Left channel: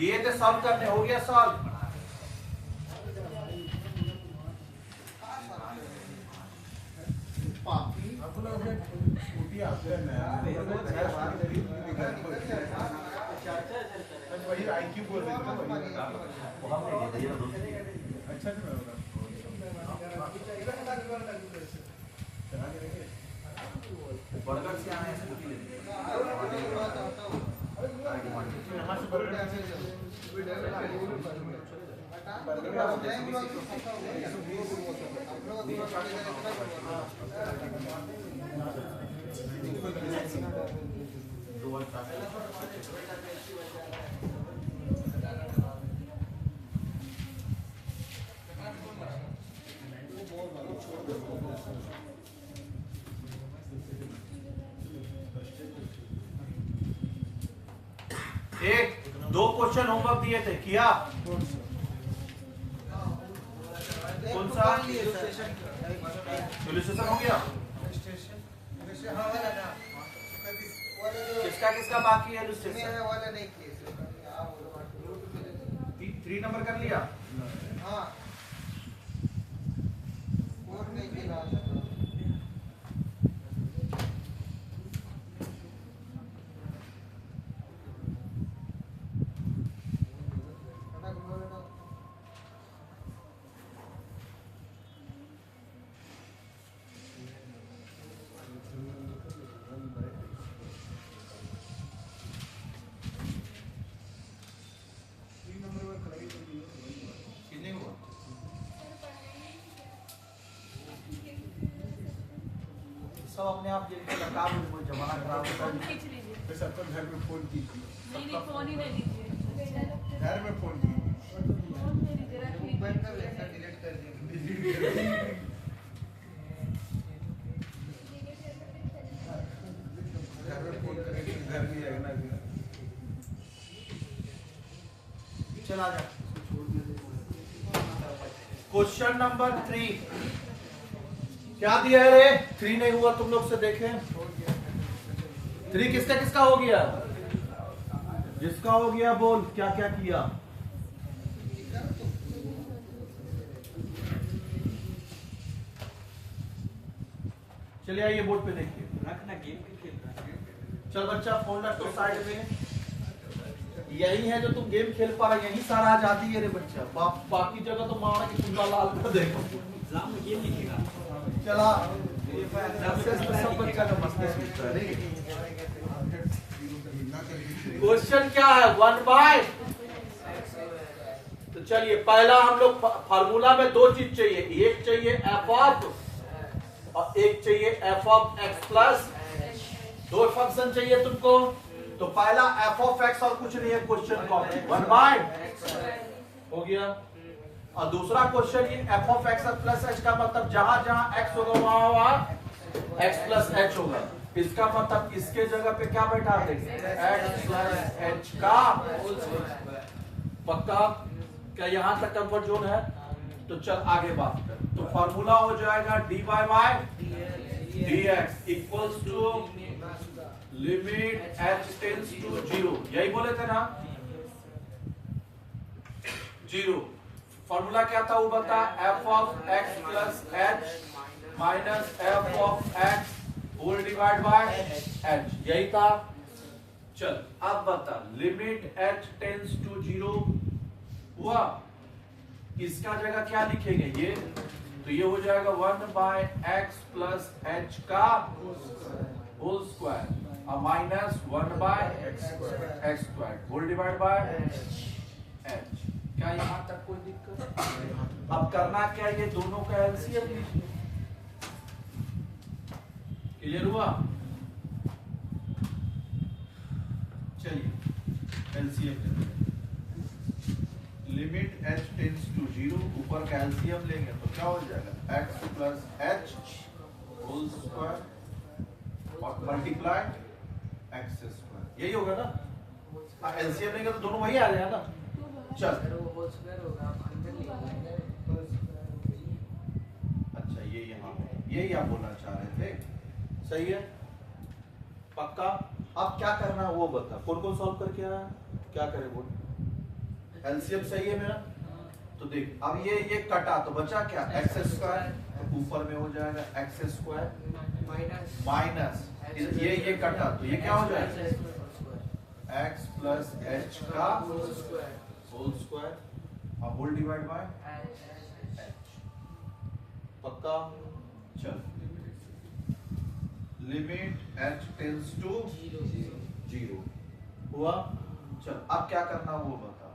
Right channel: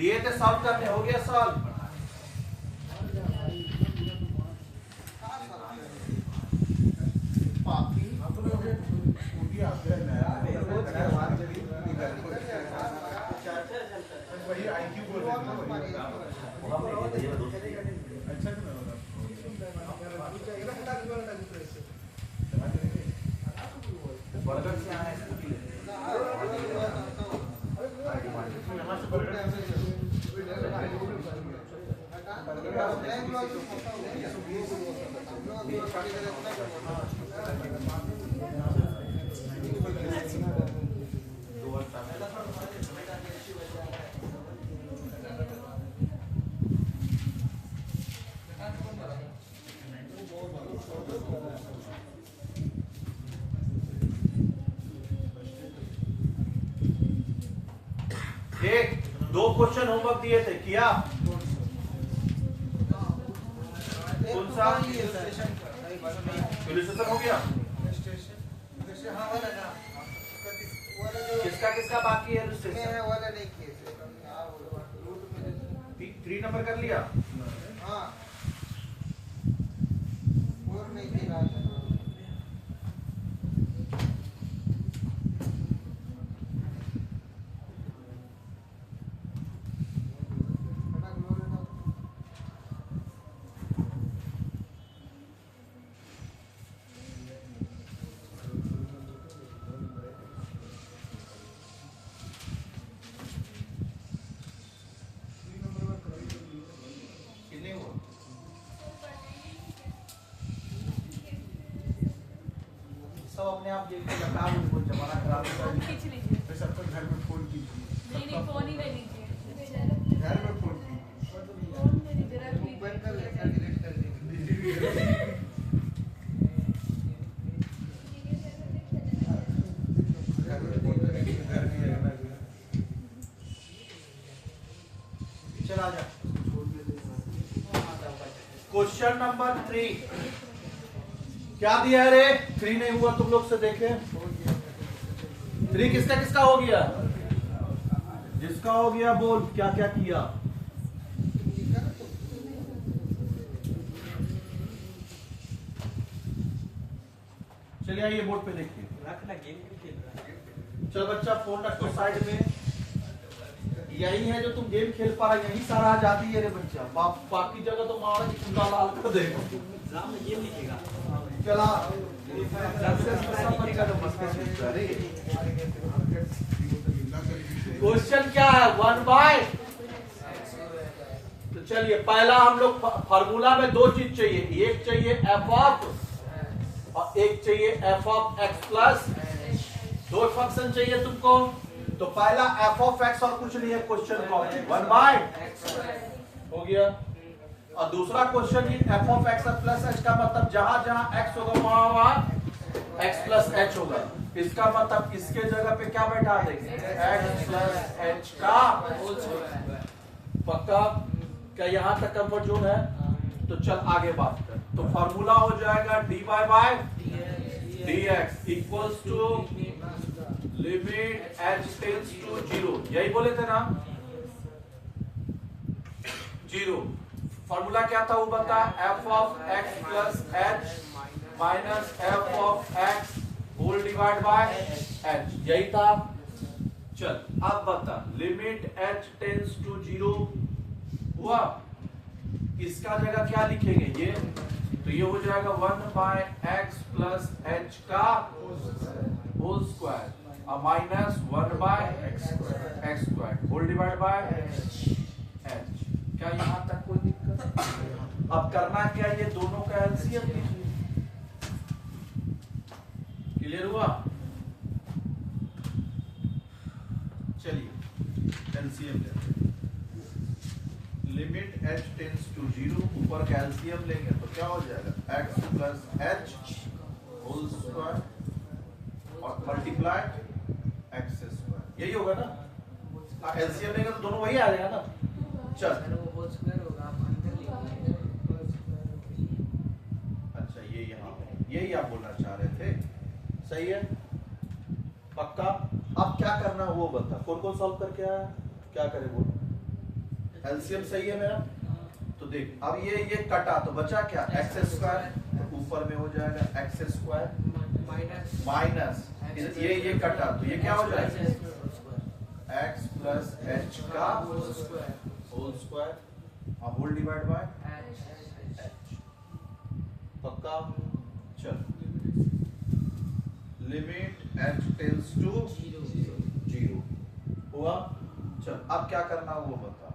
दिए थे सॉल्व करने, हो गया सॉल्व। एक दो क्वेश्चन होमवर्क दिए थे, किया? कौन सा इलस्ट्रेशन हो गया? किसका किसका बाकी है इलस्ट्रेशन? 3 नंबर कर लिया? हाँ। अपने आप देख के बता दो, कोई जमाना खराब होता है। खींच लीजिए तो सबको घर में फोन कीजिए। नहीं फोन ही ले लीजिए, घर में फोन मेरी जरा मोबाइल का लेकर डिलीट कर दीजिए। चला जा। क्वेश्चन नंबर 3 क्या दिया है रे? 3 नहीं हुआ, तुम लोग से देखे। 3 किसका किसका हो गया? जिसका हो गया बोल क्या क्या किया। चलिए आइए बोर्ड पे देखिए। चल बच्चा फोन रख दो साइड में। यही है जो तुम गेम खेल पा रहा, यही सारा आजादी है रे बच्चा। बाकी जगह तो मारा कि पूरा लाल कर देगा। एग्जाम में गेम लिखेगा। चला सब बच्चा का मसला। क्वेश्चन क्या है? 1/। तो चलिए पहला हम लोग फार्मूला में 2 चीज चाहिए, एक चाहिए एफ ऑफ और एक चाहिए F of x plus. 2 function चाहिए तुमको। तो पहला एफ ऑफ एक्स और कुछ नहीं है, क्वेश्चन का 1/x हो गया। और दूसरा क्वेश्चन की F of x plus h का मतलब जहां जहां एक्स होगा वहां एक्स प्लस एच होगा। इसका मतलब इसके जगह पे क्या बैठा देंगे? एक्स प्लस एच का होल स्क्वायर। पक्का? क्या यहां तक कंफर्ट जोन है? तो चल आगे बात कर। तो फार्मूला हो जाएगा dy by dx equals to limit h tends to 0। यही बोले थे ना? 0। फॉर्मूला क्या था वो बता? f of x plus h minus f of x whole divide by h, यही था। चल अब बता, लिमिट h टेंड्स टू 0 हुआ। इसका जगह क्या लिखेंगे? ये तो ये हो जाएगा 1/x प्लस h का होल स्क्वायर और minus 1/x square whole divide by h। क्या यहां तक कोई दिक्कत? अब करना क्या? ये दोनों का एलसीएम लिखिए। क्लियर हुआ? चलिए LCM limit h tends to 0, ऊपर का एलसीएम लेंगे तो क्या हो जाएगा? x plus h whole square और मल्टीप्लाई x स्क्वायर, यही होगा ना? एलसीएम लेंगे तो दोनों वही आ जाएगा ना। चल अच्छा ये यहाँ यही आप बोलना चाह रहे थे, सही है? पक्का? अब क्या करना है वो बता। कौन कौन सॉल्व करके आया? क्या करे बोल? एलसीएम सही है मेरा। तो देख अब ये कटा तो बचा क्या, एक्स स्क्वायर, ऊपर में हो जाएगा एक्स स्क्वायर माइनस ये कटा तो ये क्या हो जाएगा, एक्स प्लस एच का होल स्क्वायर और होल डिवाइड बाय पक्का। चल लिमिट एच टेंड्स टू 0 हुआ। चल अब क्या करना वो बता।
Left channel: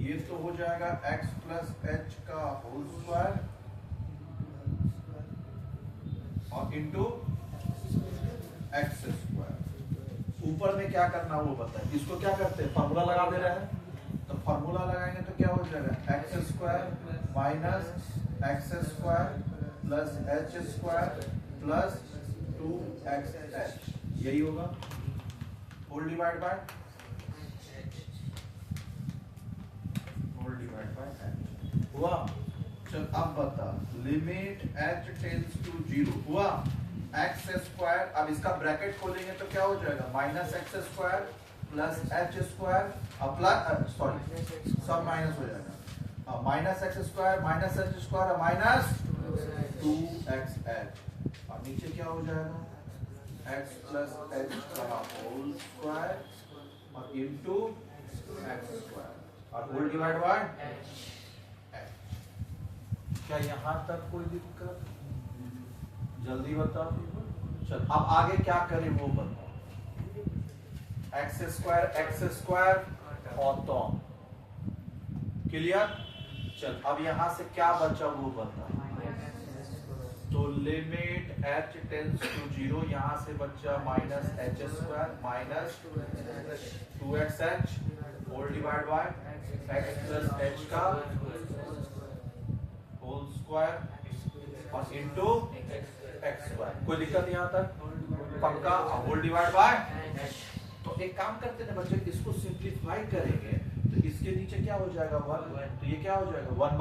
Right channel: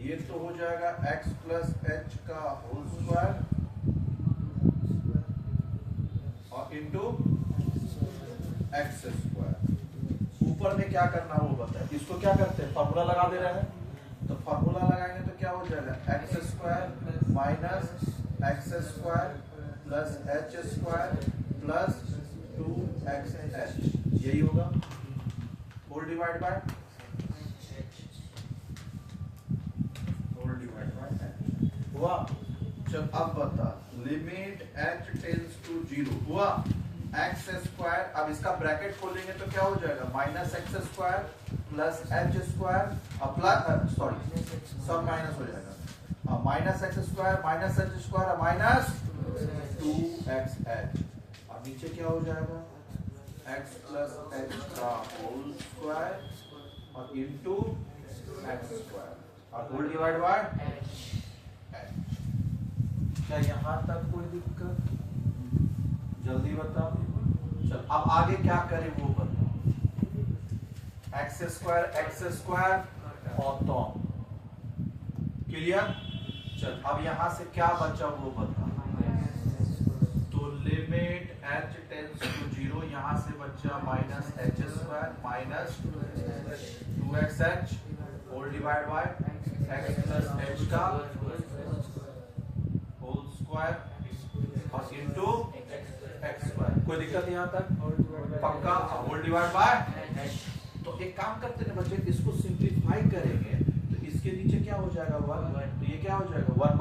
ये तो हो जाएगा x प्लस एच का होल स्क्वायर और इंटू एक्स स्क्वायर। ऊपर में क्या करना वो बताए। इसको क्या करते हैं, फॉर्मूला लगा दे रहे हैं। तो फॉर्मूला लगाएंगे तो क्या हो जाएगा, x square minus x square plus H square plus 2xh, यही होगा होल डिवाइड बाय हुआ। चल अब बता लिमिट h टेंड्स टू 0 हुआ, एक्स स्क्वायर। अब इसका ब्रैकेट खोलेंगे तो क्या हो जाएगा, minus x square plus H square plus sorry सब माइनस हो जाएगा, minus x square minus h square minus 2xh और नीचे क्या हो जाएगा, x प्लस एच का होल स्क्वायर और इंटू एक्स स्क्वायर और होल डिवाइड बाय। क्या यहां तक कोई दिक्कत, जल्दी बताओ। चल अब आगे क्या करें वो बताओ। एक्स स्क्वायर और तो क्लियर। चल अब यहां से क्या बचा वो बताओ। तो लिमिट h टेंड्स टू 0, यहां से बचा minus h square minus 2xh whole divide by x plus h का होल स्क्वायर और इंटू एक्स स्क्वायर। कोई दिक्कत यहाँ तक, पक्का। Whole divide by. तो एक काम करते हैं बच्चे, इसको सिंपलीफाई करेंगे तो इसके नीचे क्या हो जाएगा 1, तो ये क्या हो जाएगा 1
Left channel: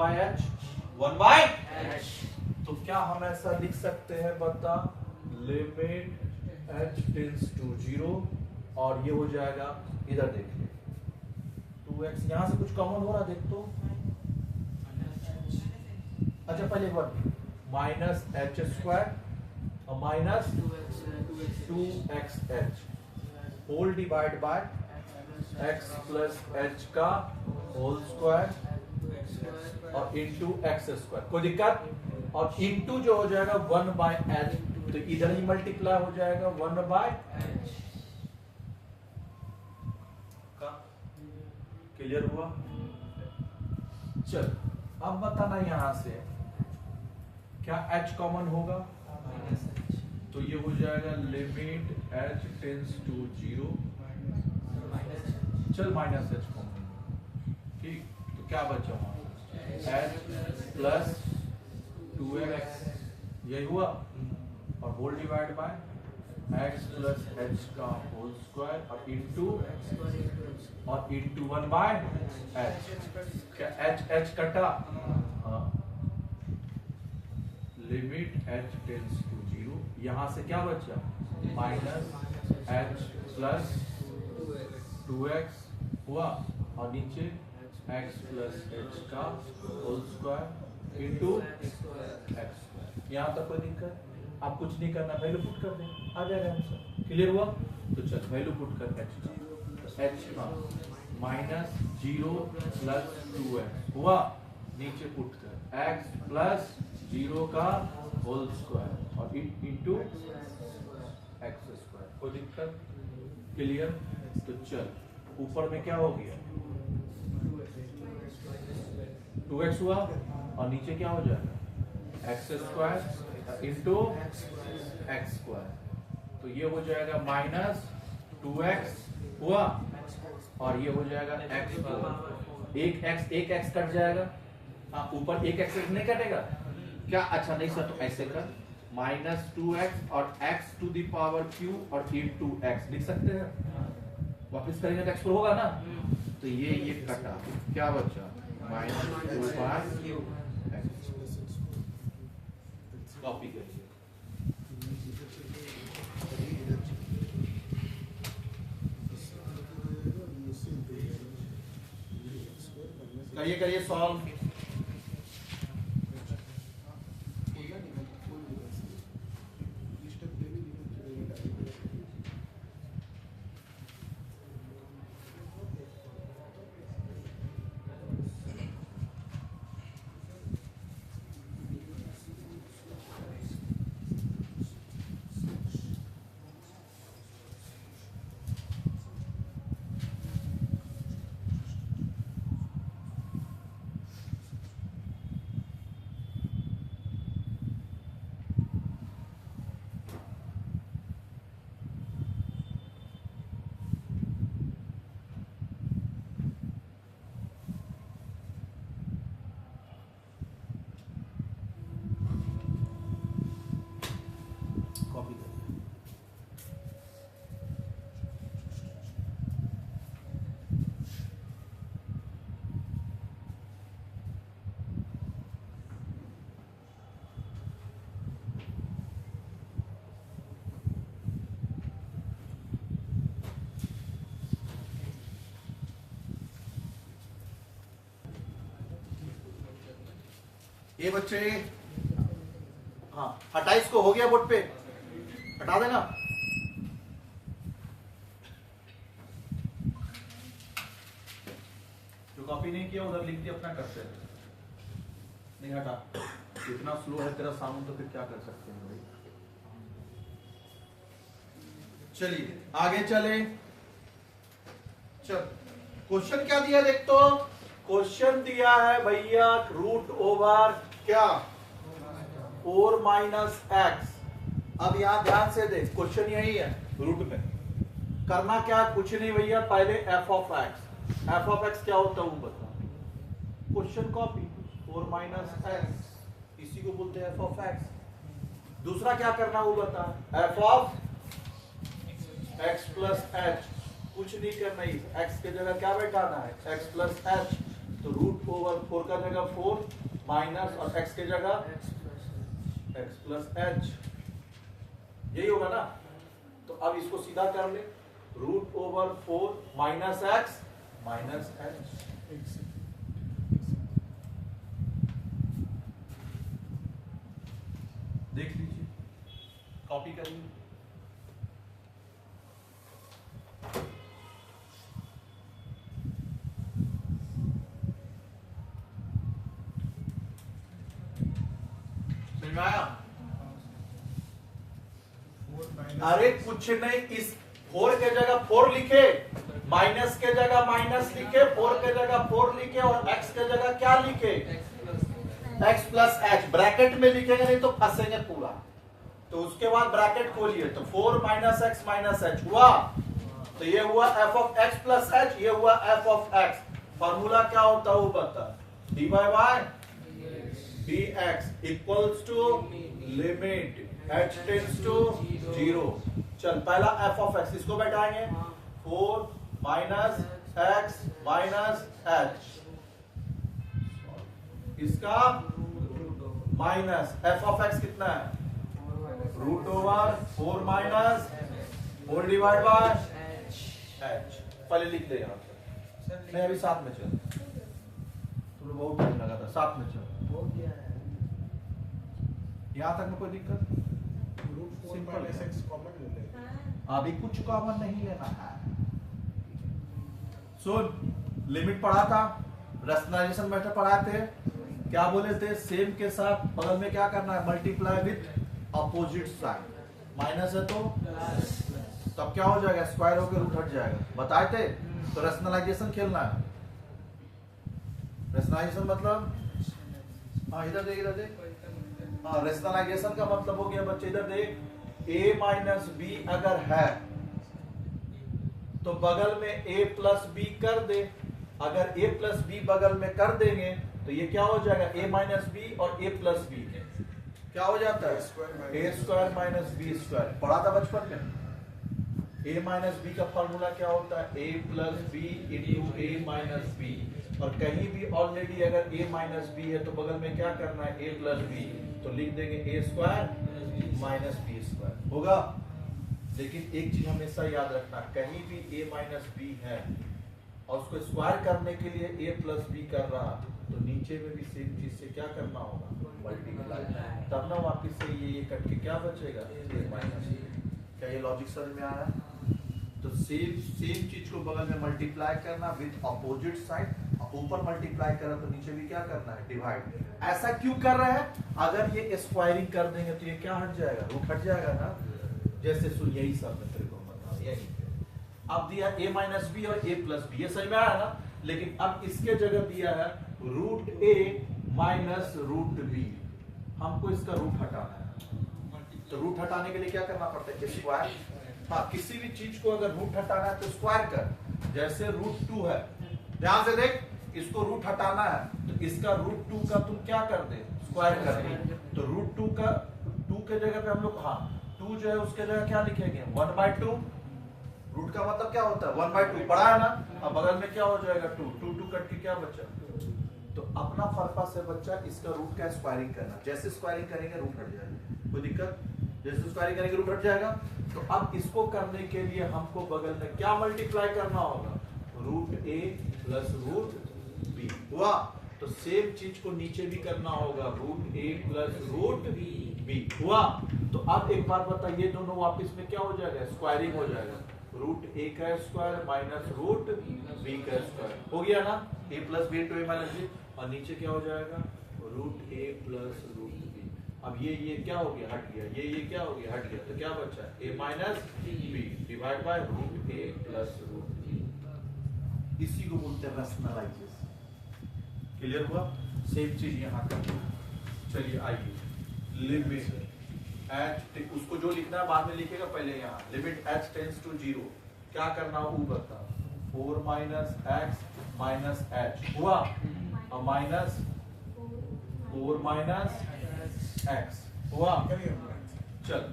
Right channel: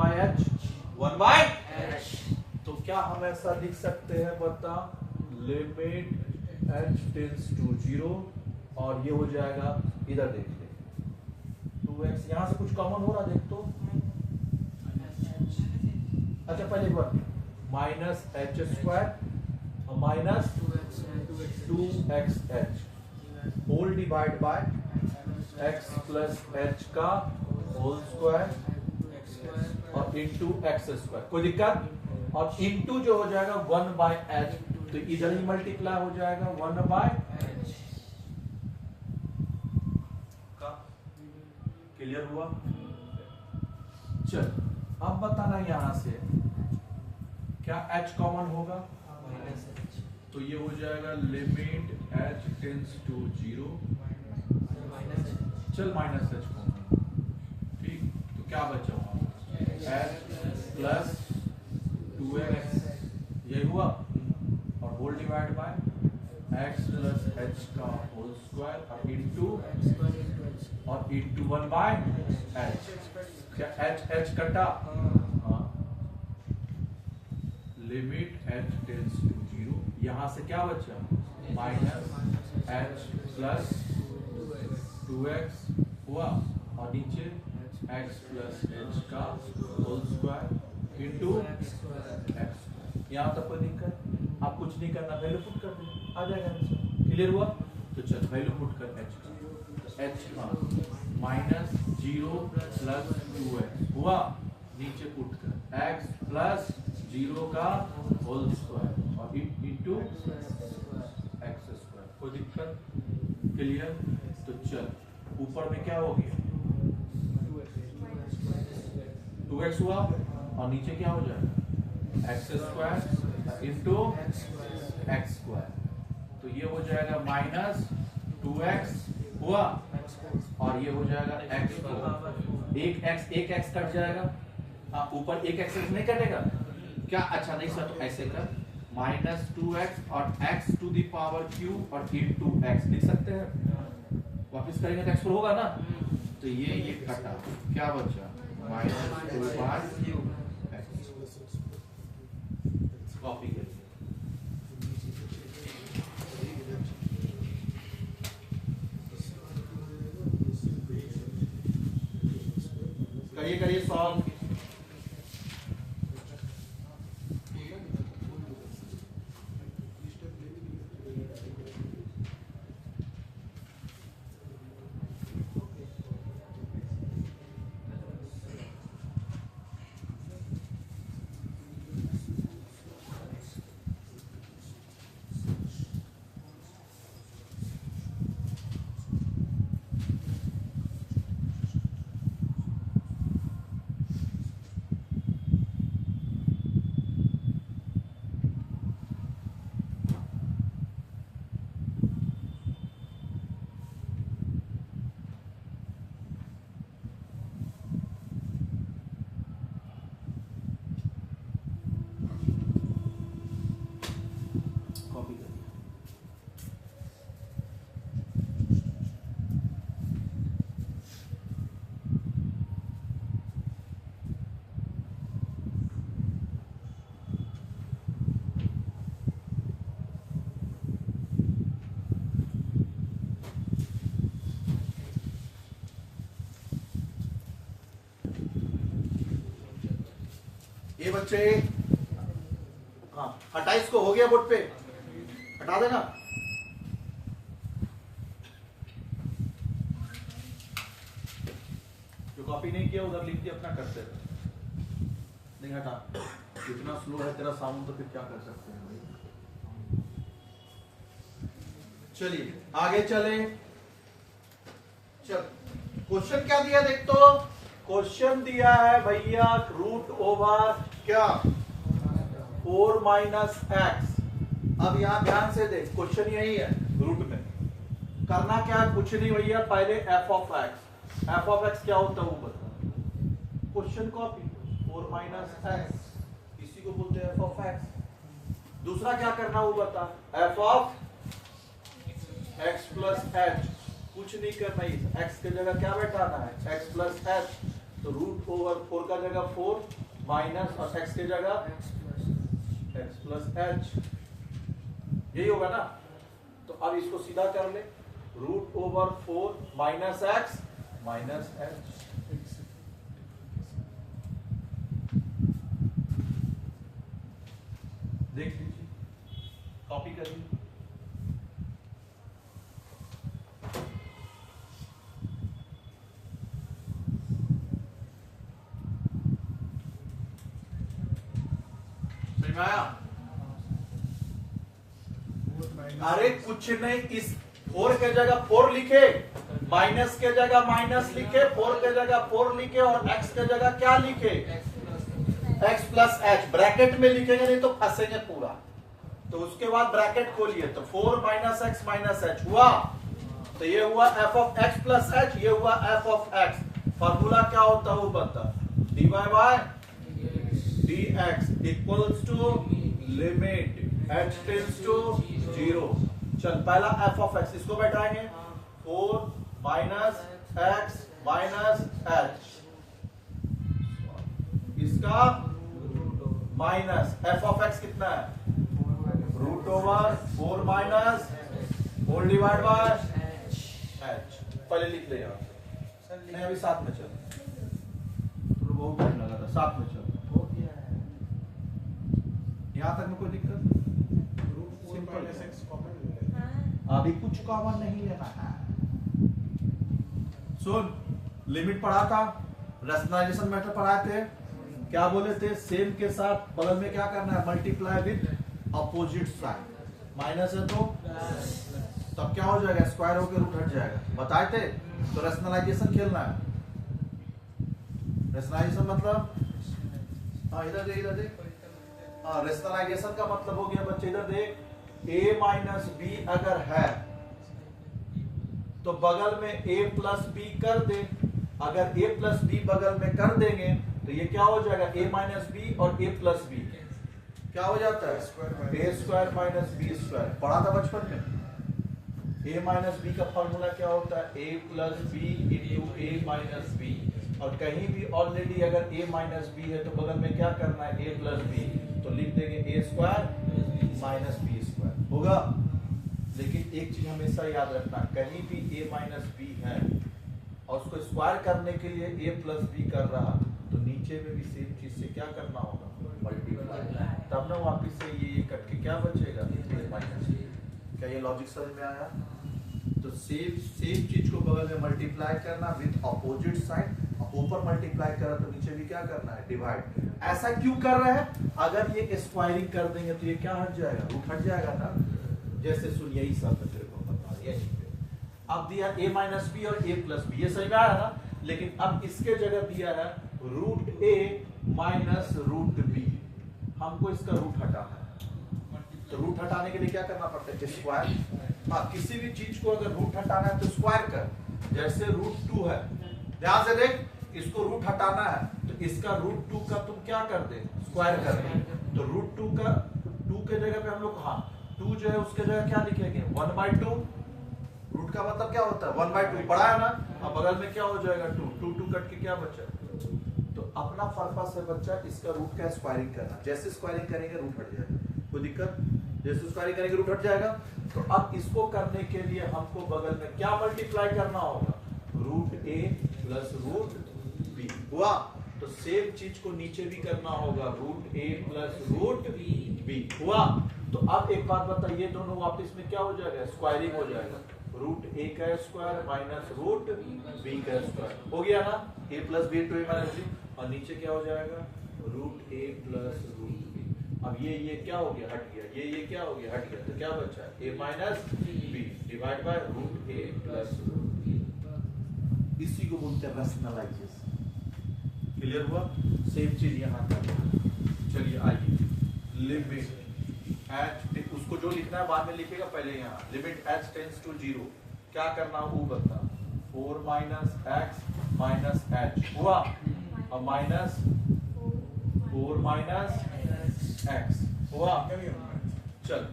बाय एच। तो क्या हम ऐसा लिख सकते हैं बता, लिमिट h टेंड्स टू 0 और ये हो जाएगा इधर देखिए 2x, यहां से कुछ कॉमन हो रहा देख तो। अच्छा पहले बात माइनस एच स्क्वायर और minus 2xh whole divide by x plus h का होल स्क्वायर और इंटू एक्स स्क्वायर। कोई दिक्कत, और इंटू जो हो जाएगा 1 बाय एच, तो इधर ही मल्टीप्लाई हो जाएगा 1 बाय का। क्लियर हुआ। चल अब बताना यहां से क्या h कॉमन होगा, तो ये हो जाएगा लिमिट h टेंड्स टू 0, चल माइनस h कॉमन, ठीक। तो क्या बचा h प्लस 2x, यही हुआ और whole divide by x plus h का होल स्क्वायर और इंटू 1 बाय h। क्या h कटा, लिमिट h टेंड्स टू 0, यहां से क्या बचा माइनस h प्लस 2x हुआ और नीचे x प्लस h का होल स्क्वायर इंटू x। यहां तक कोई दिक्कत, आप कुछ नहीं करना, वैल्यू पुट कर दें आ जाएगा आंसर। क्लियर हुआ। तो चल वैल्यू पुट कर h का, h का माइनस 0 प्लस 2x हुआ, नीचे पुट कर x प्लस 0 का होल स्क्वायर और इंटू एक्स स्क्वायर। कोई दिक्कत, क्लियर। तो चल ऊपर में क्या हो गया 2x हुआ और नीचे क्या हो जाएगा x square into x square, तो ये हो जाएगा माइनस 2x हुआ और ये हो जाएगा x, एक x कट जाएगा। हाँ ऊपर एक x नहीं कटेगा क्या, अच्छा नहीं सर, तो ऐसे कर माइनस 2x और x to the power q और इंटू x लिख सकते हैं। वापस करेंगे तो x पर होगा ना, तो ये कटा, क्या बचा माइनस 2 बाय q। कॉपी कीजिए। करिए करिए सॉल्व। कॉपी करिए। ये बच्चे, हाँ 28 को हो गया बोर्ड पे, हटा देना। जो कॉपी नहीं किया उधर लिख के अपना करते हैं। नहीं हटा, इतना स्लो है तेरा साउंड तो फिर क्या कर सकते हैं भाई। चलिए आगे चले। चल क्वेश्चन क्या दिया देख तो। क्वेश्चन दिया है भैया रूट ओवर क्या 4 माइनस एक्स। अब यहां ध्यान से देख, क्वेश्चन यही है रूट में करना क्या, कुछ नहीं भैया, पहले F of x. F of x क्या होता है वो बता। क्वेश्चन कॉपी 4 माइनस एक्स, इसी को बोलते हैं एफ ऑफ एक्स। दूसरा क्या करना वो बता, F of x plus H. कुछ नहीं करना, एक्स की जगह क्या बैठाना है, एक्स प्लस एच। तो रूट ओवर 4 का जगह 4 माइनस और एक्स की जगह एक्स प्लस एच, यही होगा ना। तो अब इसको सीधा कर ले, root over 4 minus x minus h. देख लीजिए, कॉपी करिए। अरे कुछ नहीं, इस 4 के जगह 4 लिखे, माइनस के जगह माइनस लिखे, 4 के जगह 4 लिखे और x के जगह क्या लिखे, x प्लस एच। ब्रैकेट में लिखेंगे नहीं तो फंसेंगे पूरा। तो उसके बाद ब्रैकेट खोलिए, तो 4 माइनस एक्स माइनस एच हुआ। तो ये हुआ F of x plus H, ये हुआ एफ ऑफ एक्स। फॉर्मूला क्या होता है वो बता, d y by d x equals to limit h tends to 0। चल पहला f ऑफ x, इसको बैठाएंगे 4 माइनस एक्स माइनस एच, इसका माइनस f ऑफ x कितना है, root over 4 minus whole divide by h। पहले लिख ले यार, नहीं अभी साथ में चल, तो बहुत टाइम लगा था, साथ में चल। यहां तक में कोई दिक्कत, सिंपल है। अभी कुछ कॉमन नहीं लेना है। सुन, लिमिट पढ़ा था, रैशनलाइजेशन मेथड पढ़ाए थे, क्या बोले थे, सेम के साथ बगल में क्या करना है, multiply with opposite sign. Minus है तो तब क्या हो जाएगा, स्क्वायर होकर रूट हट जाएगा, बताए थे। तो रैशनलाइजेशन खेलना है। रैशनलाइजेशन मतलब, हाँ इधर देख, इधर देख, हाँ रैशनलाइजेशन का मतलब हो गया बच्चे, इधर देख, a माइनस बी अगर है तो बगल में a प्लस बी कर दे। अगर a प्लस बी बगल में कर देंगे तो ये क्या हो जाएगा, a माइनस बी और a प्लस बी क्या हो जाता है, a square minus b square. पढ़ा था बचपन में। a माइनस बी का फॉर्मूला क्या होता है, a plus b into a minus b. और कहीं भी ऑलरेडी अगर a माइनस बी है तो बगल में क्या करना है, a प्लस बी, तो लिख देंगे a square minus b square होगा। लेकिन एक चीज हमेशा याद रखना, कहीं भी a माइनस बी है और उसको स्क्वायर करने के लिए a प्लस बी कर रहा, तो नीचे में भी सेम चीज से क्या करना होगा, मल्टीप्लाई, तब ना वापिस से ये कट के क्या बचेगा, a माइनस। क्या ये लॉजिक समझ में आया? तो सेम चीज को बगल में मल्टीप्लाई करना विद अपोजिट साइड, ऊपर मल्टीप्लाई करा तो नीचे भी क्या करना है, डिवाइड। ऐसा क्यों कर रहे हैं? अगर ये स्क्वायरिंग कर देंगे तो ये क्या हट जाएगा, रूट हट जाएगा ना। जैसे सुन, यही सब मैं तेरे को बता, यही अब दिया a माइनस बी और a प्लस बी, ये समझ में आया ना। लेकिन अब इसके जगह दिया है root a minus root b, हमको इसका रूट हटाना है। तो रूट हटाने के लिए क्या करना पड़ता है, स्क्वायर। हाँ, किसी भी चीज को अगर रूट हटाना है तो स्क्वायर कर। जैसे रूट 2 है, ध्यान से देख, इसको रूट हटाना है तो इसका रूट 2 का तुम क्या कर दे, स्क्वायर करेंगे। तो रूट 2 का 2 के जगह पे हम लोग, हाँ 2 जो है उसके जगह क्या लिखेंगे, 1/2। रूट का मतलब क्या होता है, 1/2, पढ़ा है ना। अब बगल में क्या हो जाएगा, 2 कट के क्या बचा। तो अपना पर्पस है बच्चा इसका रूट का स्क्वायरिंग करना। जैसे स्क्वायरिंग करेंगे रूट हट जाएगा, कोई दिक्कत, जैसे स्क्वायरिंग करेंगे रूट हट जाएगा। तो अब इसको करने के लिए हमको बगल में क्या मल्टीप्लाई करना होगा, root a plus root b हुआ। तो सेम चीज को नीचे भी करना होगा, root a plus root b हुआ। तो अब एक बात बताइए, दोनों वापस में क्या हो जाएगा, स्क्वायरिंग हो जाएगा। रूट a का स्क्वायर माइनस रूट b का स्क्वायर हो गया ना, a plus b to a minus b, और नीचे क्या हो जाएगा, root a plus root b। अब ये क्या हो गया, हट गया, ये क्या हो गया, हट गया। तो क्या बचा, a minus b divide by root a plus root b। इसी को बोलते हैं रैशनलाइजेशन। क्लियर हुआ? सेम चीज यहाँ का। चलिए आइए, लिमिट एच, उसको जो लिखना है बाद में लिखेगा, पहले यहाँ लिमिट एच टेंस टू 0, क्या करना वो बता, 4 माइनस एक्स माइनस एच हुआ, और माइनस 4 माइनस एक्स हुआ। चल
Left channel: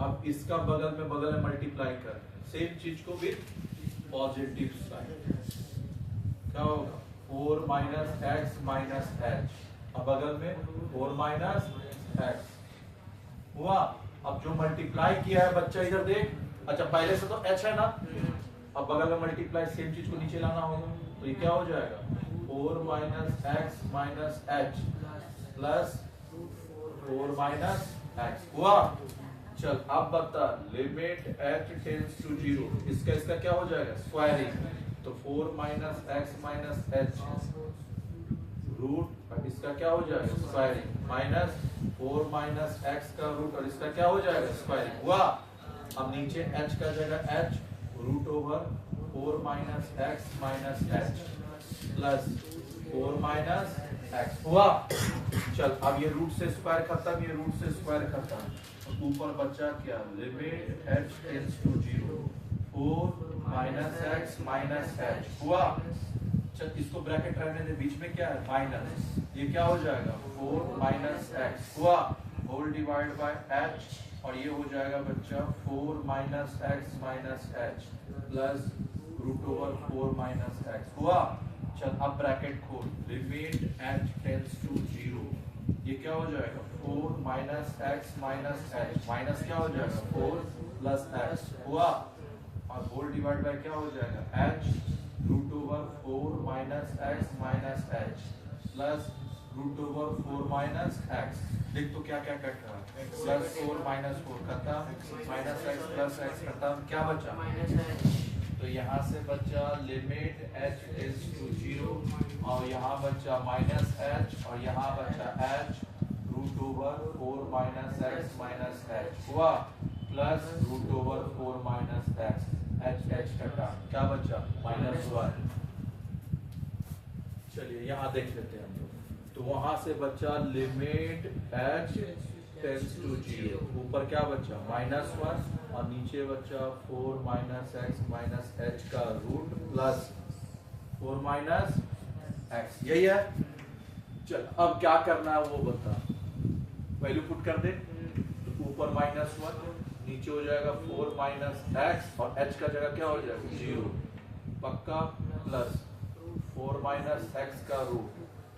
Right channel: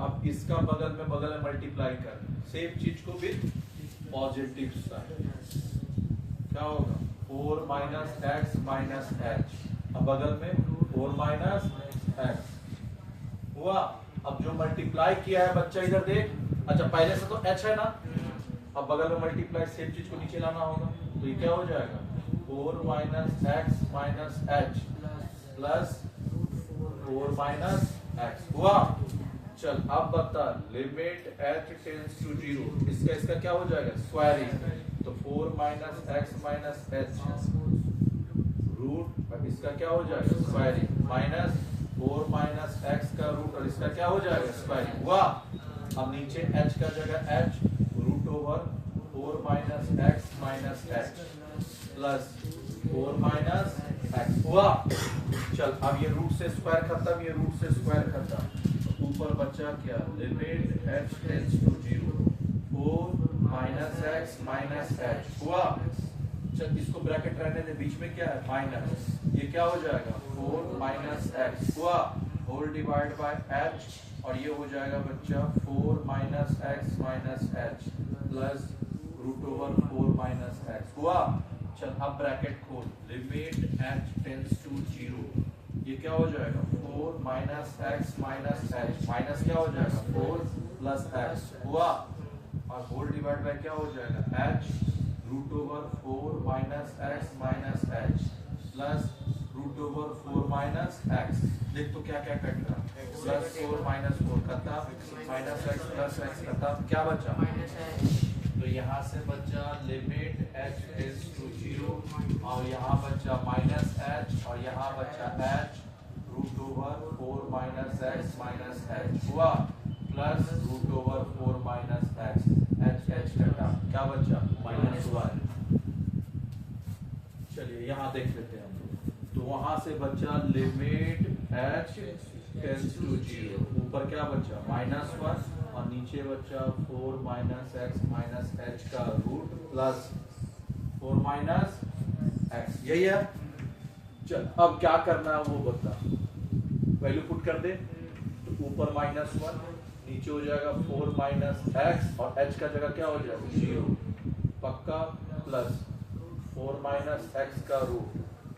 अब इसका बगल में मल्टीप्लाई कर, सेम चीज को विद पॉजिटिव साइन, क्या होगा, 4 माइनस एक्स माइनस एच, और बगल में 4 माइनस एक्स हुआ। अब जो मल्टीप्लाई किया है बच्चा इधर देख, अच्छा पहले से तो h है ना, अब बगल में मल्टीप्लाई, सेम चीज को नीचे लाना होगा। तो ये क्या हो जाएगा, 4 minus x minus h plus 4 minus x हुआ। चल अब बता, लिमिट h टेंड्स टू 0, इसका क्या हो जाएगा, स्क्वायरिंग। तो 4 minus x minus h root, इसका क्या हो जाएगा, स्क्वायरिंग, माइनस 4 माइनस एक्स का रूट, और इसका क्या हो जाएगा, स्क्वायरिंग हुआ। अब नीचे h का जगह h, root over 4 minus x minus h plus 4 minus x हुआ। चल अब ये रूट से स्क्वायर खत्म, ये रूट से स्क्वायर खत्म, ऊपर बचा क्या, limit h tends to 0, 4 minus x minus h हुआ। चल इसको ब्रैकेट रहने दे, बीच में क्या है, माइनस, ये क्या हो जाएगा, 4 माइनस एक्स हुआ, होल डिवाइड बाय h, और ये हो जाएगा बच्चा 4 minus x minus h plus root over 4 minus x हुआ। चल अब ब्रैकेट खोल, लिमिट h टेंड्स टू 0, ये क्या हो जाएगा, 4 minus x minus H, minus क्या हो जाएगा, 4 प्लस एक्स हुआ, और होल डिवाइड बाय क्या हो जाएगा, h root over 4 minus x minus h plus root over 4 minus x. देख तो क्या क्या कट रहा है, प्लस 4 माइनस 4 खत्म, माइनस एक्स प्लस एक्स खत्म, क्या बचा, तो यहाँ से बचा लिमिट h टेंड्स टू 0, और यहाँ बचा माइनस h, और यहाँ बचा h root over 4 minus x minus h हुआ, plus root over 4 minus x, h कटा, क्या बचा, -1। चलिए यहाँ देख लेते हैं हम लोग, तो वहां से बचा लिमिट h टेंड्स टू 0, ऊपर क्या बचा, -1, और नीचे बचा 4 माइनस एक्स माइनस एच का रूट प्लस 4 माइनस एक्स, यही है। चल अब क्या करना है वो बता, वैल्यू पुट कर दे, तो ऊपर -1, नीचे हो जाएगा 4 माइनस एक्स, और h का जगह क्या हो जाएगा, 0 पक्का, प्लस 4 माइनस एक्स का रूट,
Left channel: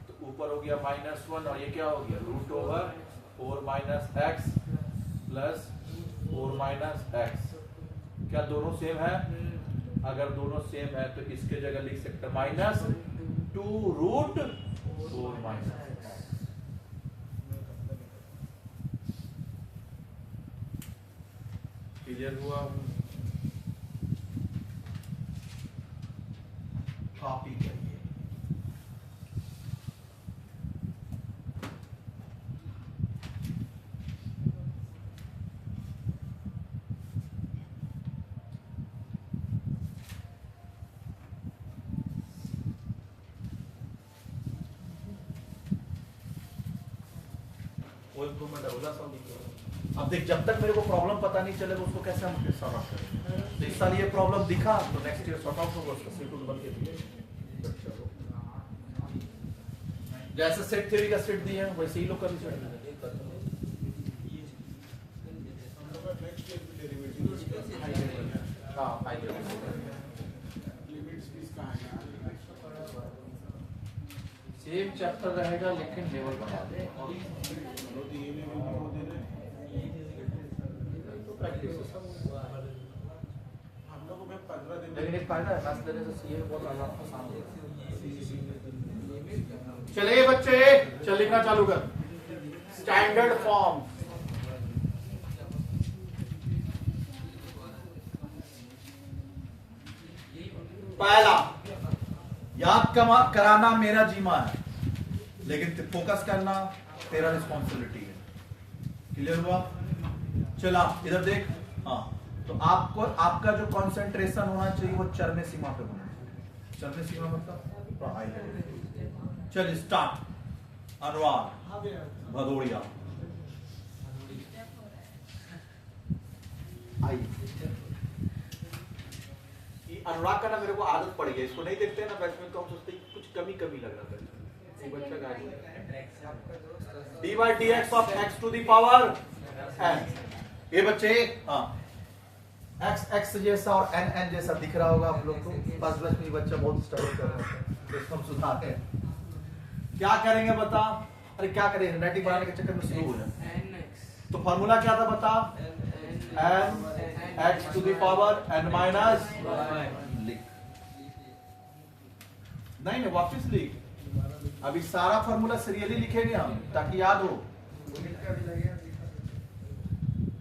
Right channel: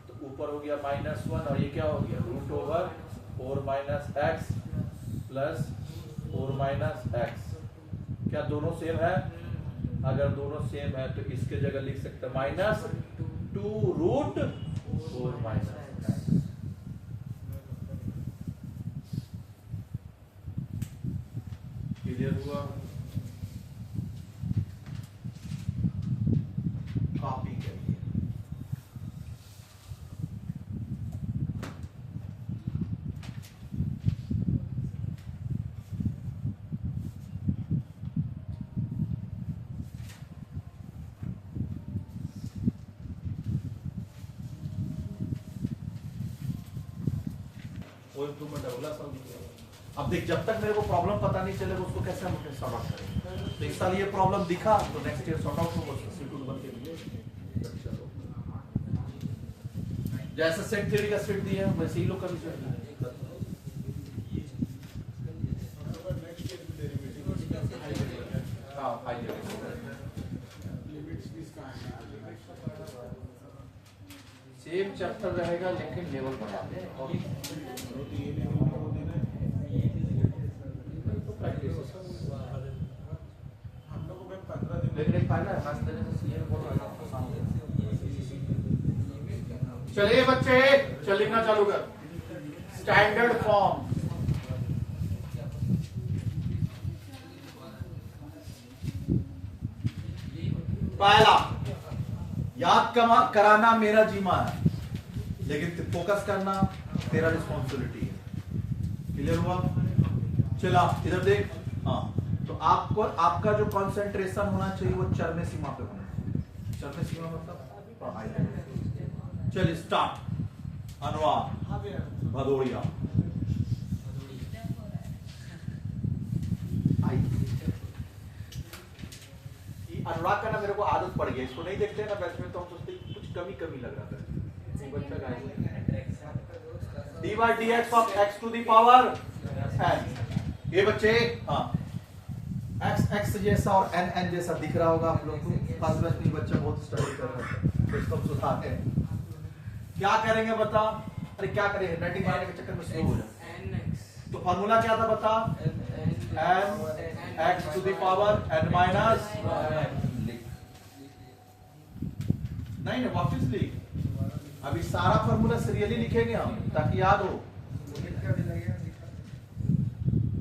तो ऊपर हो गया -1, और ये क्या हो गया, root over 4 minus x plus 4 minus x, क्या दोनों सेम है, अगर दोनों सेम है तो इसके जगह लिख सकते हैं -2√4 -x। क्लियर हुआ? कॉपी करिए। वो इम्प्रूवमेंट अगला साल दिखेगा। अब देख, जब तक मेरे को प्रॉब्लम पता नहीं चलेगा उसको कैसे हम फिर सॉर्ट आउट करेंगे। तो इस साल ये प्रॉब्लम दिखा तो नेक्स्ट ईयर सॉर्ट आउट होगा, उसका सीक्वेंस बन के जैसे सेट थ्योरी का सेट दिया है वैसे ही लोग कर लीजिए। सेम चैप्टर रहेगा लेकिन लेवल बढ़ा देंगे। लेकिन एक फायदा है खास तरह से सीए बहुत सामने। चलिए बच्चे, चल लिखना चालू कर। स्टैंडर्ड फॉर्म पहला, याद कराना मेरा जीमा है, लेकिन फोकस करना तेरा रिस्पॉन्सिबिलिटी है। क्लियर हुआ? चला इधर देख। हाँ, तो आपको आपका जो कंसंट्रेशन होना चाहिए वो चरम सीमा पे होना चाहिए। चरम सीमा मतलब चलिए स्टार्ट। अनुराग भदौड़िया। अनुराग का ना मेरे को आदत पड़ गई, इसको नहीं देखते ना बैच में तो हम सोचते हैं कुछ कमी लग रहा था। d/dx of x to the power n। ये बच्चे हाँ, x जैसा और n जैसा दिख रहा होगा आप लोग को। फर्स्ट बैच में बच्चा बहुत स्टडी कर रहा है तो इसको हम सुधारते हैं। क्या करेंगे बता? अरे क्या करेंगे, नेटिंग बनाने के चक्कर में स्लो हो जाए। तो फॉर्मूला क्या था बता? n x to the power n minus लिख। नहीं वापिस लिख। अभी सारा फॉर्मूला सीरियली लिखेंगे हम ताकि याद हो।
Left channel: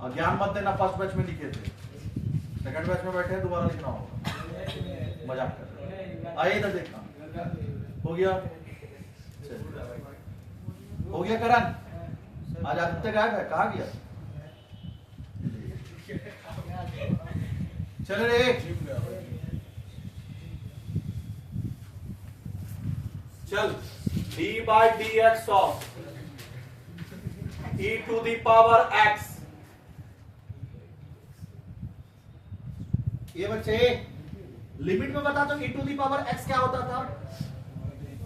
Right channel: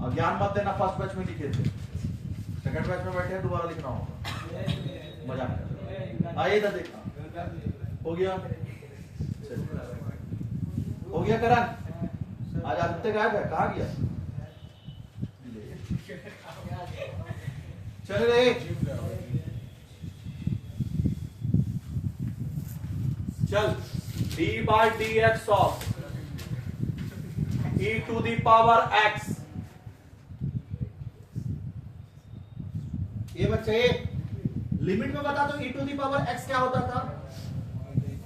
और ज्ञान मत देना, फर्स्ट बैच में लिखे थे, सेकंड बैच में बैठे दोबारा लिखना होगा। मजाक कर। आइए इधर देखना। हो गया? हो गया करण? आज आदित्य गायब है, कहाँ गया? चल रे चल। d/dx of e to the power x। ये बच्चे लिमिट में बता दो e to the power x क्या होता था?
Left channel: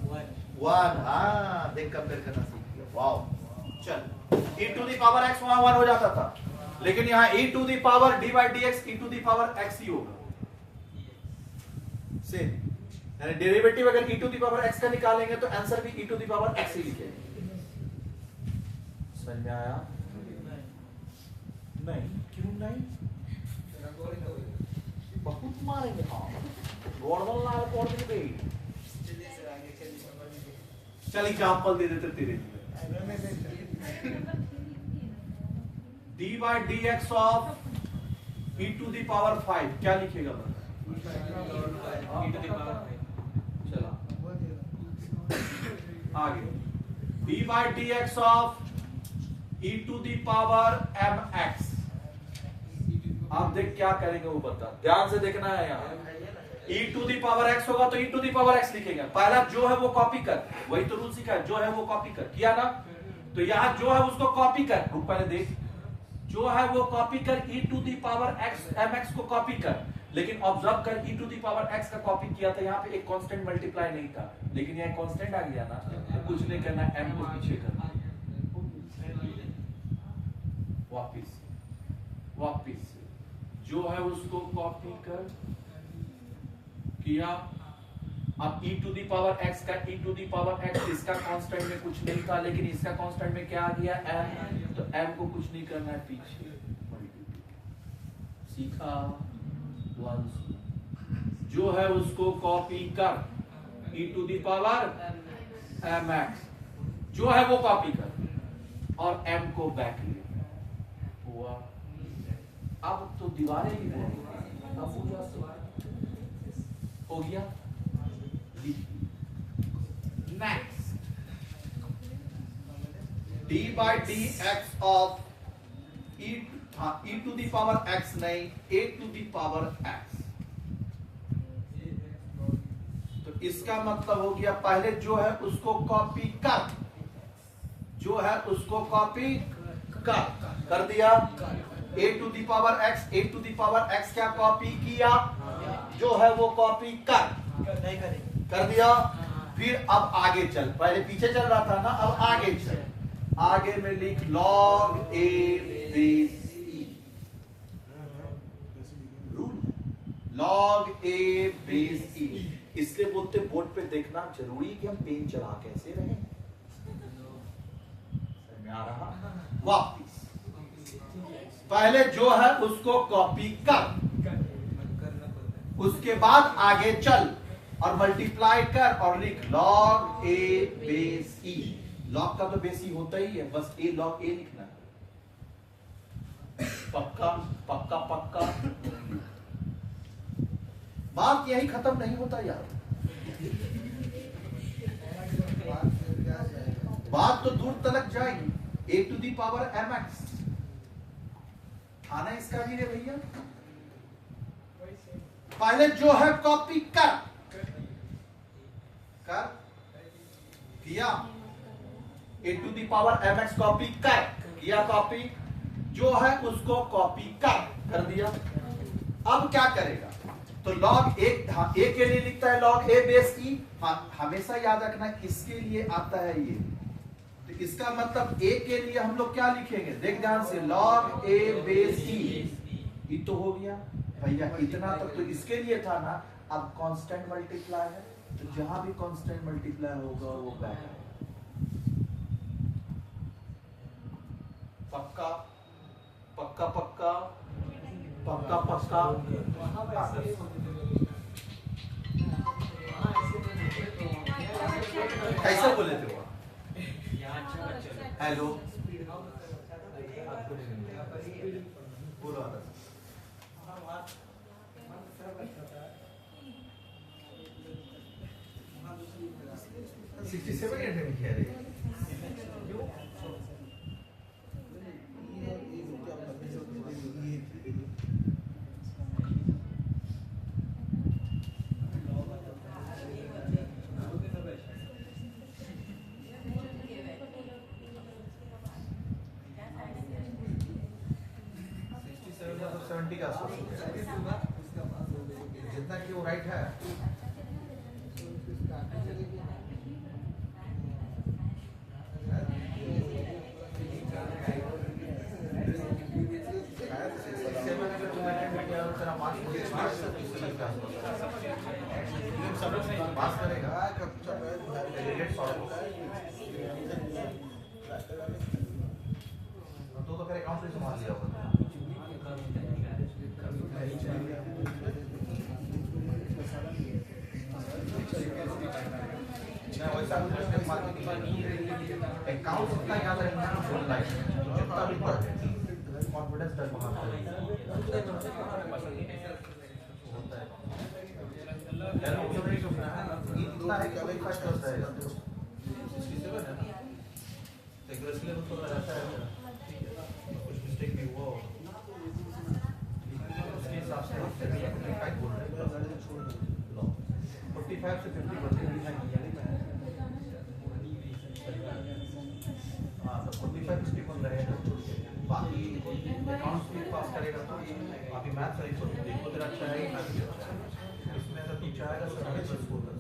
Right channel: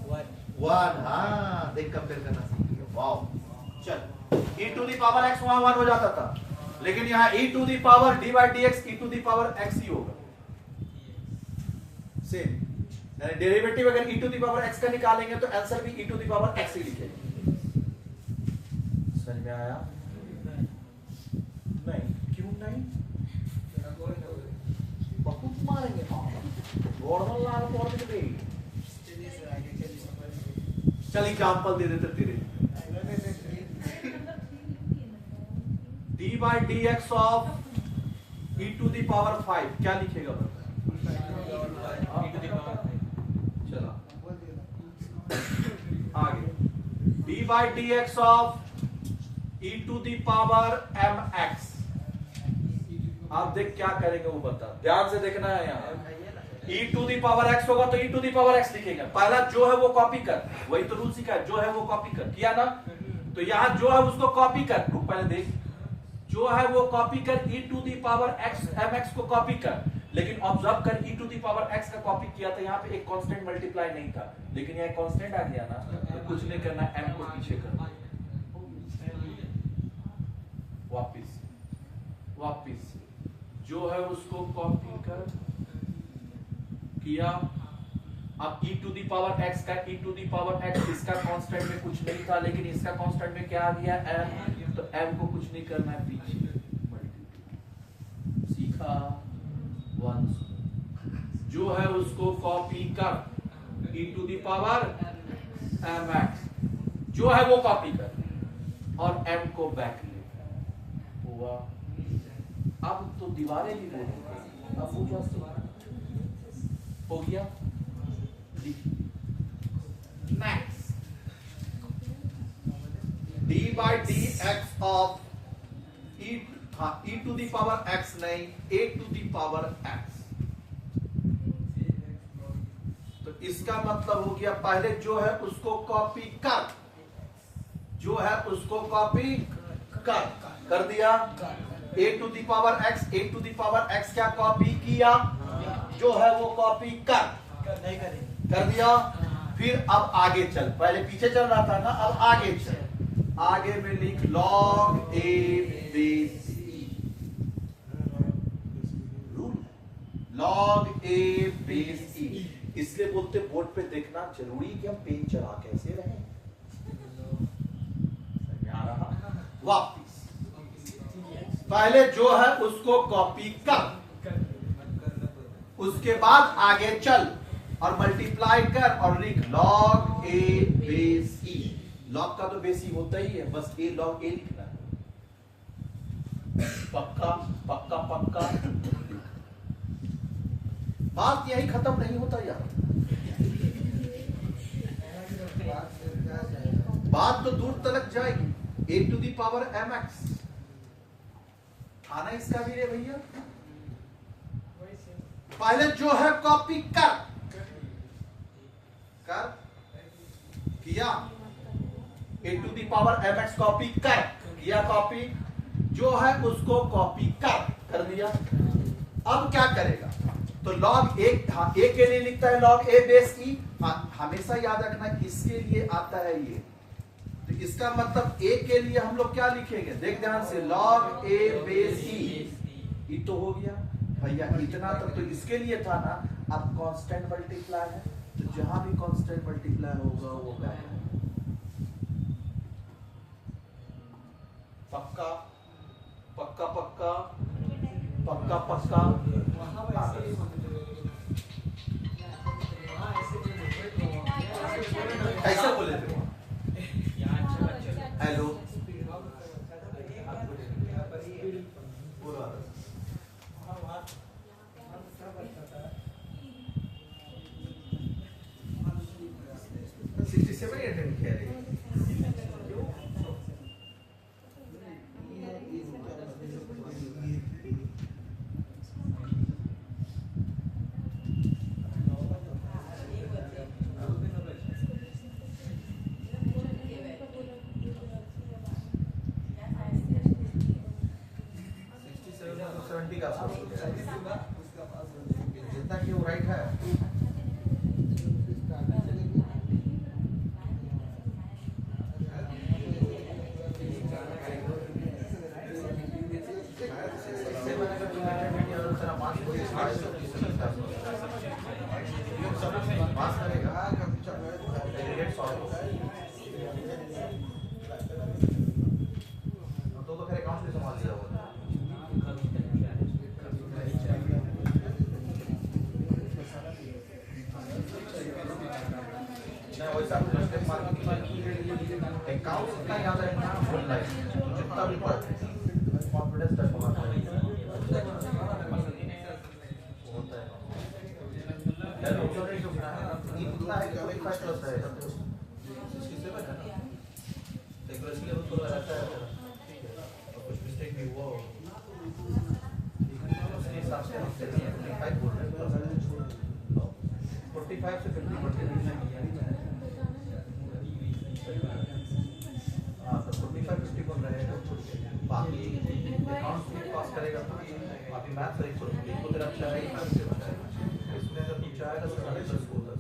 1। हाँ देख कंपेयर करना सीख लिया। वाओ। चल e to the power x 1 हो जाता था, लेकिन यहाँ e to the power d/dx e to the power x ही होगा। सेम यानी डेरिवेटिव अगर e to the power x का निकालेंगे तो आंसर भी e to the power x ही लिखेंगे। समझ में आया? नहीं क्यों नहीं? बहुत मारेंगे गोल्डन लाल पॉड में गई। चल एग्जांपल दे देते तेरे। d/dx of e to the power 5 क्या लिखेगा? चला आगे। d/dx of e to the power mx। आप देख क्या करेंगे वो बता, ध्यान से देखना है। यहाँ e to the power x होगा तो e to the power x लिखेंगे। पहला जो है वो कॉपी कर, वही तो रूल सीखा है, जो है वो कॉपी कर। किया ना? तो यहाँ जो है उसको कॉपी कर। ग्रुप पहले देख, जो है वो कॉपी कर, e to the power x mx को कॉपी कर। लेकिन ऑब्जर्व कर, e to the power x का कॉपी किया था, यहाँ पे एक कांस्टेंट मल्टीप्लाई नहीं था, लेकिन यहाँ कांस्टेंट आ गया ना, तो कुछ नहीं करना, m को पीछे करना। वापिस जो है उसको कॉपी कर किया। अब e to the power x का e to the power x, इसका कांस्टेंट में कुछ नहीं था, लेकिन इसका कांस्टेंट में क्या आ गया? m। तो m को कुछ नहीं करना है, पीछे सीखा। 1 जो है उसको कॉपी कर, e to the power mx जो है वो कॉपी कर और m को बैक ले हुआ। अब तो दीवारें ही नहीं, अब हो गया। Next d by dx of e to the power x नहीं, a to the power x। तो इसका मतलब हो गया पहले जो है उसको कॉपी कर, जो है उसको कॉपी कर दिया। a to the power x क्या कॉपी किया, जो है वो कॉपी कर दिया। फिर अब आगे चल, पहले पीछे चल रहा था ना, अब आगे चल। आगे में लिख log a base e, log a base e। इसलिए बोलते बोर्ड पे देखना जरूरी कि हम पेन चला कैसे रहे। वापिस पहले जो है उसको कॉपी कर, उसके बाद आगे चल और मल्टीप्लाई कर और लिख log a base e। log का तो बेस e होता ही है, बस a log a लिखना है। पक्का पक्का पक्का। बात यही खत्म नहीं होता यार, बात तो दूर तक जाएगी। a to the power mx आना इसका भी रे भैया। पहले जो है कॉपी कर किया, a to the power mx copy कर किया, कॉपी जो है उसको कॉपी कर दिया। अब क्या करेगा, तो log a के लिए लिखता है log a बेस e। हमेशा याद रखना इसके लिए आता है ये, तो इसका मतलब a के लिए हम लोग क्या लिखेंगे, देख ध्यान से, log a बेस e तो हो गया भैया। इतना तक तो इसके लिए था ना। अब कांस्टेंट मल्टीप्लाई है, तो जहां भी कांस्टेंट मल्टीप्लाई होगा वो बैक है। पक्का पक्का पक्का पक्का पक्का। कैसे बोले थे हेलो पूरा 67 अटेम्प्ट किया रे। जितना कि वो राइट है। पास करेगा तो फिर अकाउंट से संभाल लिया होगा। अकाउंट उतना याद रखना बोलना है, जितना भी कॉन्फिडेंस तक पहुंचना है। इतना है कि वही फर्स्ट क्लास रहेगा, तो इसलिए हम थोड़ा रहता है कुछ मिस्टेक भी हुआ हो उसके हिसाब से 45 बोल रहे हैं, 45 से 50 हाँ, तो 45 50 बोल रहे हैं। तो बाकी अकाउंट्स भी पास करेगा तो बाकी मैथ्स है तो तेरा अच्छा है, इसमें जब नीचे आएगा तो सारे चीज बोलता है।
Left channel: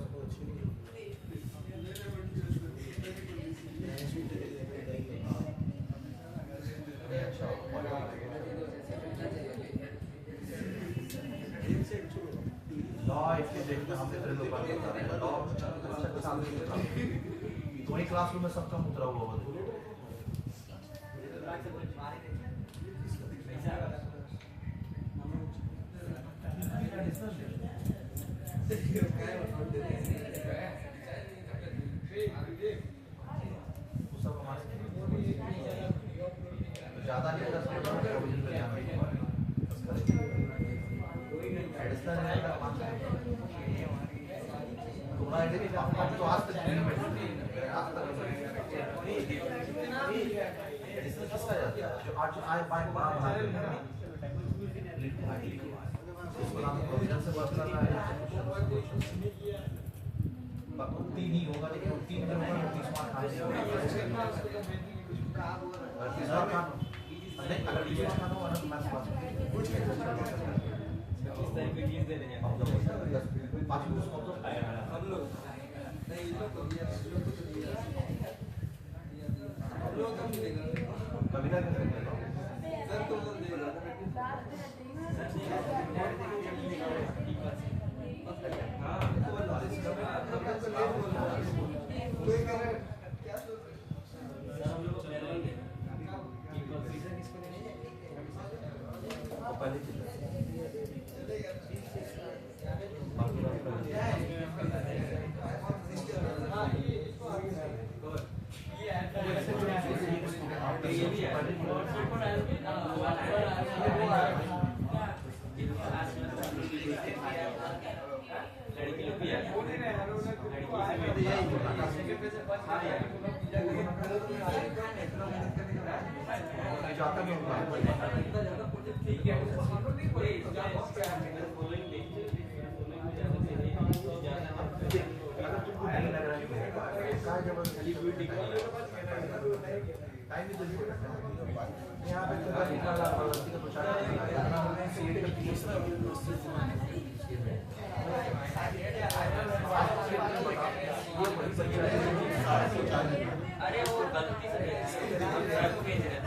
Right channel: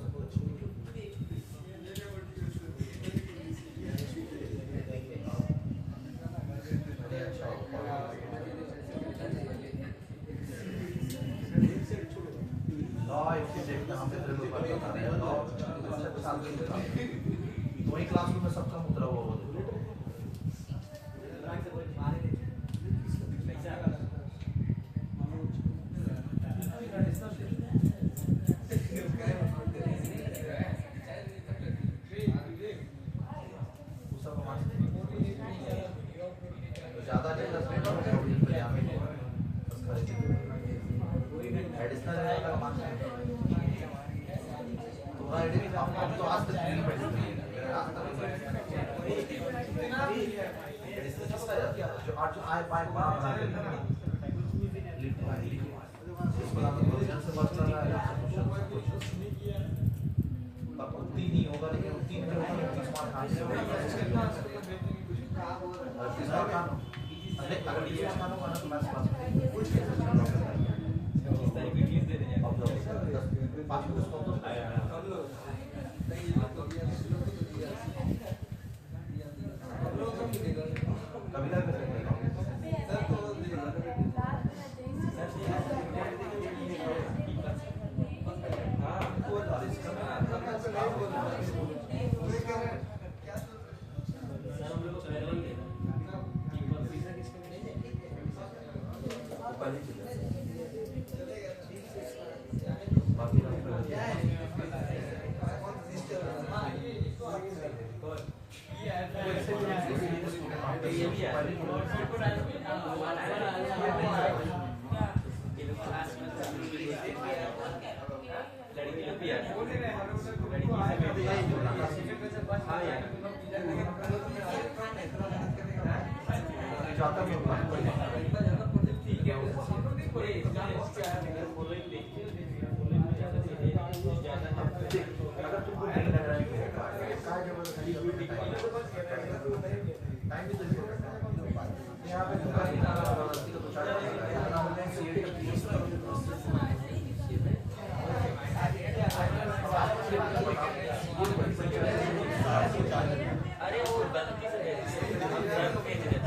वही क्लासरूम में सबका मुद्रा हुआ होगा। तो आज तक उत्ती नहीं होगा, लेकिन उत्ती में अरे वो गलती से सर को भेज रहे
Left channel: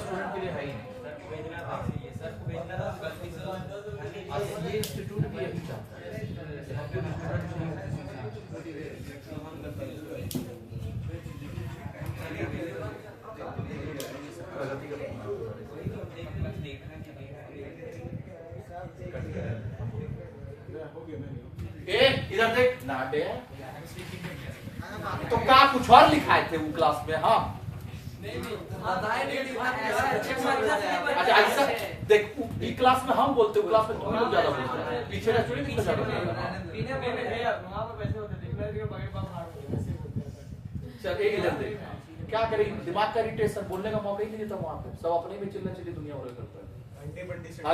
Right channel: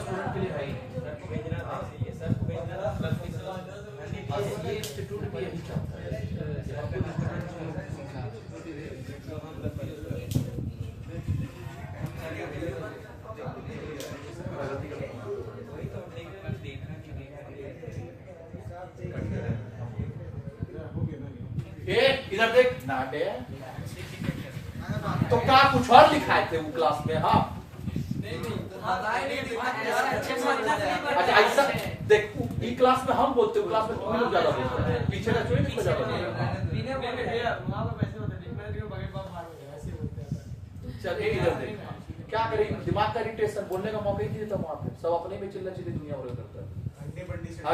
स्टूडेंट के लिए है ही नहीं। सर को भेजना गलती से ये इंस्टीट्यूट भी यही चाहता है। इधर देख ना बे, तो क्या कुछ और लिखाए थे वो क्लास में? हाँ अच्छा ऐसा देख, ई क्लास में हम बोलते हैं, क्लास में तुम लोग ज्यादा बोलते हैं, पीछे का चुने कितना ज्यादा बोलते हैं। चल एक इधर देख, क्या करें, दिमाग का इरिटेशन, बोलने का मौका ही नहीं देता वहां पे, सब अपने में चिल्ला चिल्ली दुनिया हो रही करता है।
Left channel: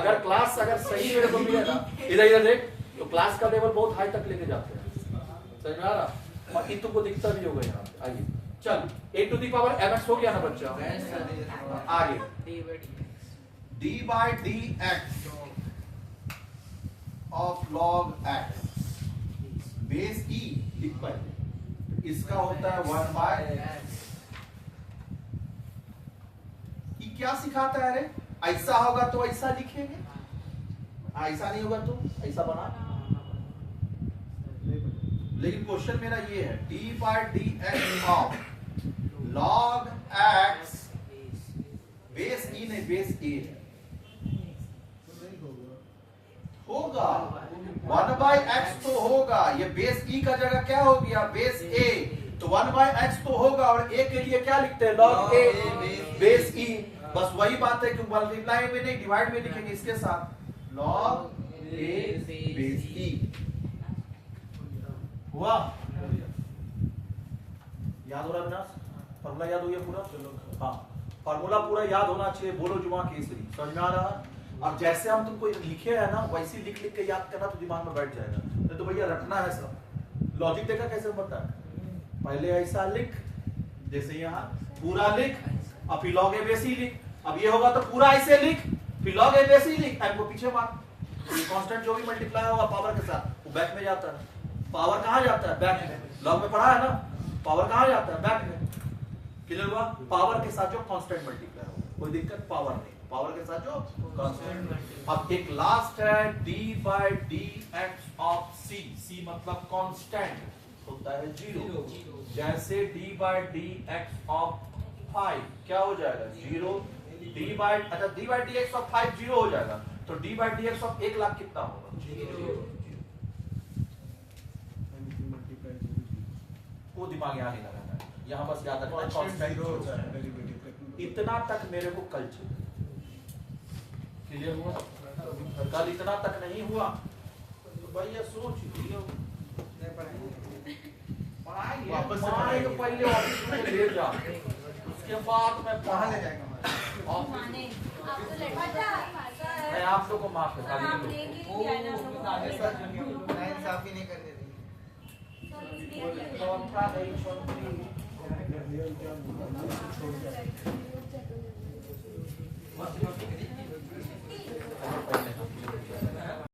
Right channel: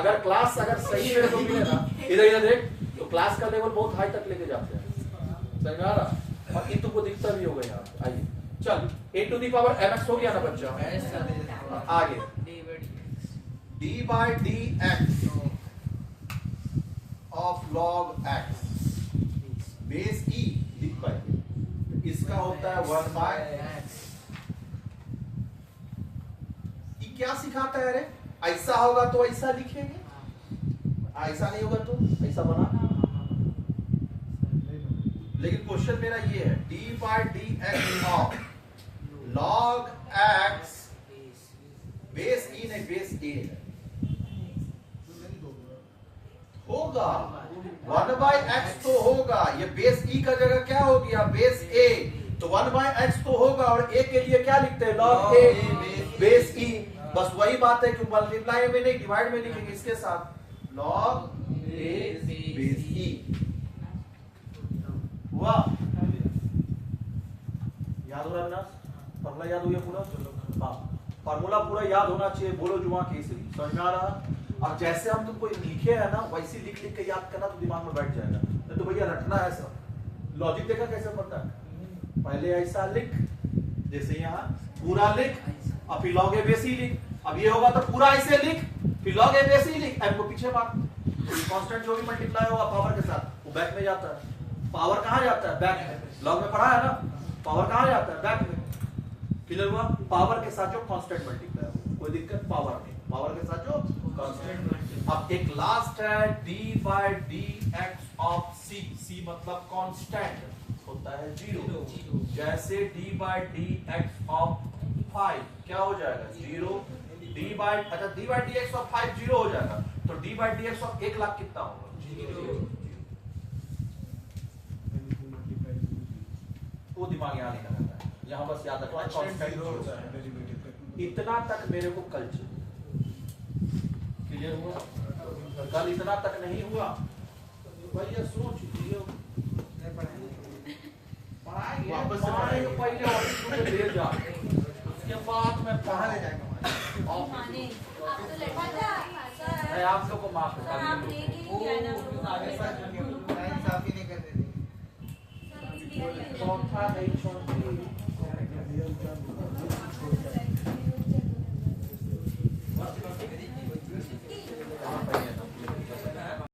अगर क्लास अगर सही रेट को मिले ना, इधर इधर देख, तो क्लास का लेवल बहुत हाई तक लेके जाते हैं, समझ आ रहा? और ये तुमको दिखता भी होगा यहाँ। आइए चल, a to the power mx हो गया ना बच्चा? आगे d by dx of log x base e लिख पाए, इसका होता है 1 by ये क्या सिखाता है रे? ऐसा होगा तो ऐसा लिखेंगे, ऐसा नहीं होगा तो ऐसा बना। लेकिन क्वेश्चन मेरा ये है, d by dx of log x base e नहीं बेस a होगा, 1 by x तो होगा, ये बेस e का जगह क्या हो गया? बेस a, तो 1 by x तो होगा, और a के लिए क्या लिखते हैं? log a base e। बस वही बात है कि मल्टीप्लाई में नहीं डिवाइड में लिखेंगे इसके साथ, log a बेस e हुआ। याद हो रहा है ना? फॉर्मूला याद हो गया पूरा? हाँ, फॉर्मूला पूरा याद होना चाहिए। बोलो जुमा केसरी, समझ में आ रहा? और जैसे हम तुमको लिखे है ना, वैसे लिख लिख के याद करना तो दिमाग में बैठ जाएगा। तो भैया रटना है सब। लॉजिक देखा कैसे बनता है? पहले ऐसा लिख, जैसे यहाँ पूरा लिख, और फिर log a बेस e लिख। अब ये होगा तो पूरा ऐसे लिख, फिर log a बेस e लिख, एम को पीछे मार। कांस्टेंट जो भी मल्टीप्लाई होगा पावर के साथ, वो बैक में जाता है। पावर कहाँ जाता है? बैक में। लॉग में पढ़ा है ना, पावर कहाँ जाता है? बैक में। क्लियर हुआ? पावर के साथ जो कांस्टेंट मल्टीप्लाई, कोई दिक्कत पावर नहीं, पावर के साथ जो कांस्टेंट। अब एक लास्ट है d by dx of c, c मतलब कांस्टेंट होता है 0। जैसे d by dx of 5 क्या हो जाएगा? 0। d by dx of 5 0 हो जाएगा, तो d by dx of 1 lakh कितना होगा? 0। वो दिमाग यहाँ नहीं लगाना है, यहाँ बस याद रखना इतना तक मेरे को कल चाहिए। क्लियर हुआ? कल इतना तक नहीं हुआ तो भाई ये सोच लियो। पढ़ाएंगे वापस से पढ़ाएंगे, पहले ऑफिस में ले जा, उसके बाद में कहाँ ले जाएंगे? ऑफिस माने आपको लड़का मैं आप लोग को माफ सर आप कर नहीं किया ना आगे पर नाइंसाफी नहीं करते थे। चौथा नहीं चौथी छोड़